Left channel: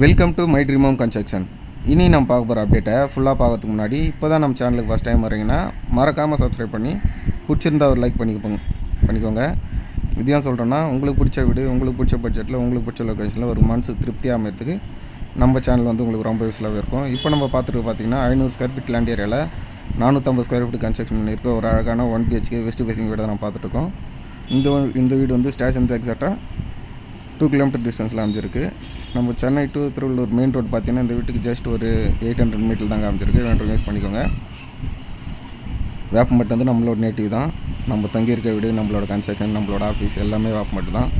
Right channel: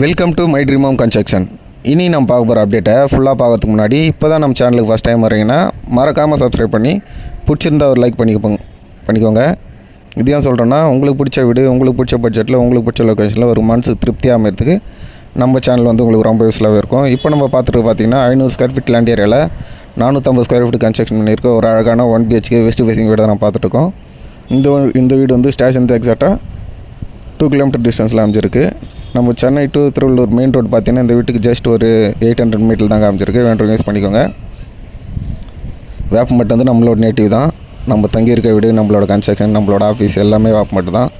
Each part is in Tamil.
Welcome to my dream home construction இனி நம்ம பார்க்க போகிற அப்டேட்டை ஃபுல்லாக பார்க்கறதுக்கு முன்னாடி இப்போ தான் நம்ம சேனலுக்கு ஃபஸ்ட் டைம் வரீங்கன்னா மறக்காமல் சப்ஸ்கிரைப் பண்ணி பிடிச்சிருந்தா ஒரு லைக் பண்ணிக்கோங்க பண்ணிக்கோங்க. இது ஏன் சொல்கிறேன்னா உங்களுக்கு பிடிச்ச வீடு உங்களுக்கு பிடிச்ச பட்ஜெட்டில் உங்களுக்கு பிடிச்ச லொக்கேஷனில் ஒரு மனசு திருப்தியாக அமைறதுக்கு நம்ம சேனல் வந்து உங்களுக்கு ரொம்ப யூஸ்ஃபுல்லாகவே இருக்கும். இப்போ நம்ம பார்த்துட்டு பார்த்தீங்கன்னா ஐநூறு ஸ்கொயர் ஃபீட் லேண்ட் ஏரியாவில் நானூற்றம்பது ஸ்கொயர் ஃபீட் கன்ஸ்ட்ரக்ஷன் பண்ணியிருக்க. ஒரு அழகான ஒன் பிஹெச்கே வெஸ்ட் ஃபேசிங் வீடு தான் பார்த்துட்ருக்கோம் இந்த இந்த வீடு வந்து ஸ்டேஷன் எக்ஸாக்டாக டூ கிலோமீட்டர் டிஸ்டன்ஸில் அமைஞ்சிருக்கு. நம்ம Chennai to Tiruvallur main road பார்த்தீங்கன்னா இந்த வீட்டுக்கு ஜஸ்ட் ஒரு எயிட் ஹண்ட்ரட் மீட்டர் தான் காமிச்சிருக்கு வேண்டும் யூஸ் பண்ணிக்கோங்க. வேப்பம்பட்டு வந்து நம்மளோட நேட்டிவ் தான். நம்ம தங்கியிருக்க வீடு நம்மளோட கன்ஸ்ட்ரக்ஷன் நம்மளோட ஆஃபீஸ் எல்லாமே வேப்பம்பட்டு தான்.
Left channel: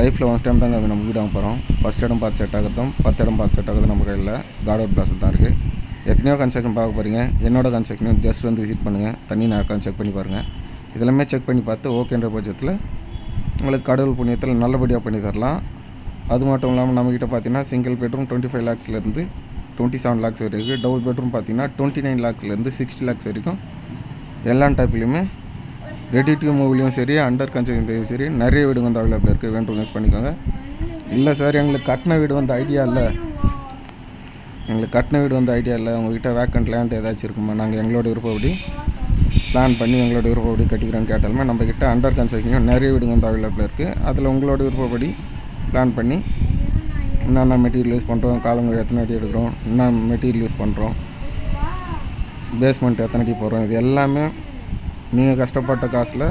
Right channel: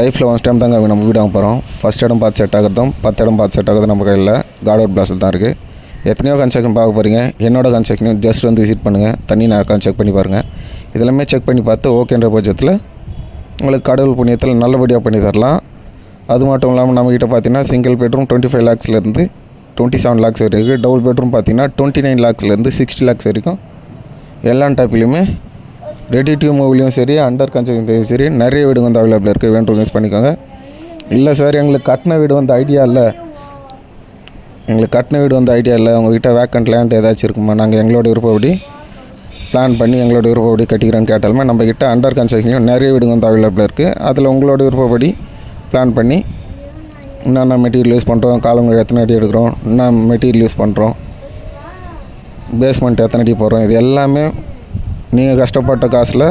லைஃப்பில் ஒன் டைம் தாங்க நம்ம வீடு வாங்க போகிறோம் ஃபஸ்ட் இடம் பார்த்து செட் ஆகிறதும் பத்து இடம் பார்த்து செட் ஆகுறது நம்ம கையில் கார்டவுட் பிளாஸில் தான் இருக்குது எத்தனையோ கன்ஸ்ட்ரக்ஷன் பார்க்க போகிறீங்க என்னோட கன்ஸ்ட்ரக்ஷனையும் ஜஸ்ட் வந்து விசிட் பண்ணுங்கள் தண்ணி நடக்கான்னு செக் பண்ணி பாருங்கள் இதெல்லாமே செக் பண்ணி பார்த்து ஓகேன்ற பட்சத்தில் உங்களுக்கு கடவுள் புண்ணியத்தில் நல்லபடியாக பண்ணி தரலாம். அது மட்டும் இல்லாமல் நம்மக்கிட்ட பார்த்தீங்கன்னா சிங்கிள் பெட்ரூம் டுவெண்ட்டி ஃபைவ் லேக்ஸ்லேருந்து டுவெண்ட்டி செவன் லேக்ஸ் வரைக்கும் இருக்குது டபுள் பெட்ரூம் பார்த்தீங்கன்னா டுவெண்ட்டி நைன் லேக்ஸ்லேருந்து சிக்ஸ்டி லேக்ஸ் வரைக்கும். எல்லா டைப்லையுமே ரெடி டு மூவிலையும் சரி அண்டர் கன்ஸ்ட்ரக்ஷன்லையும் சரி நிறைய வீடு வந்து அவைலபிள் இருக்குது வேணும் யூஸ் பண்ணிக்கோங்க. இல்லை சார் எங்களுக்கு கட்டின வீடு வந்து ஐடியா இல்லை. எங்களுக்கு கட்டின வீடு வந்து ஐடியா இல்லை. உங்ககிட்ட வேக்கண்ட் லேண்ட் ஏதாச்சும் இருக்குமா? நாங்கள் எங்களோட விருப்பப்படி பிளான் பண்ணி எங்களோட விருப்பப்படி கட்டிக்கிறோன்னு கேட்டாலுமே நம்மக்கிட்ட அண்டர் கன்ஸ்ட்ரக்ஷன்லையும் நிறைய வீடு வந்து அவைலபிள் இருக்குது அதில் உங்களோட விருப்பப்படி பிளான் பண்ணி என்னென்ன மெட்டீரியல் யூஸ் பண்ணுறோம் காலங்கள் எத்தனை அடி எடுக்கிறோம்? என்ன மெட்டீரியல் யூஸ் பண்ணுறோம் பேஸ்மெண்ட் எத்தனை அடி போடுறோம்? இது எல்லாமே நீங்கள் கஷ்டப்பட்ட காசில்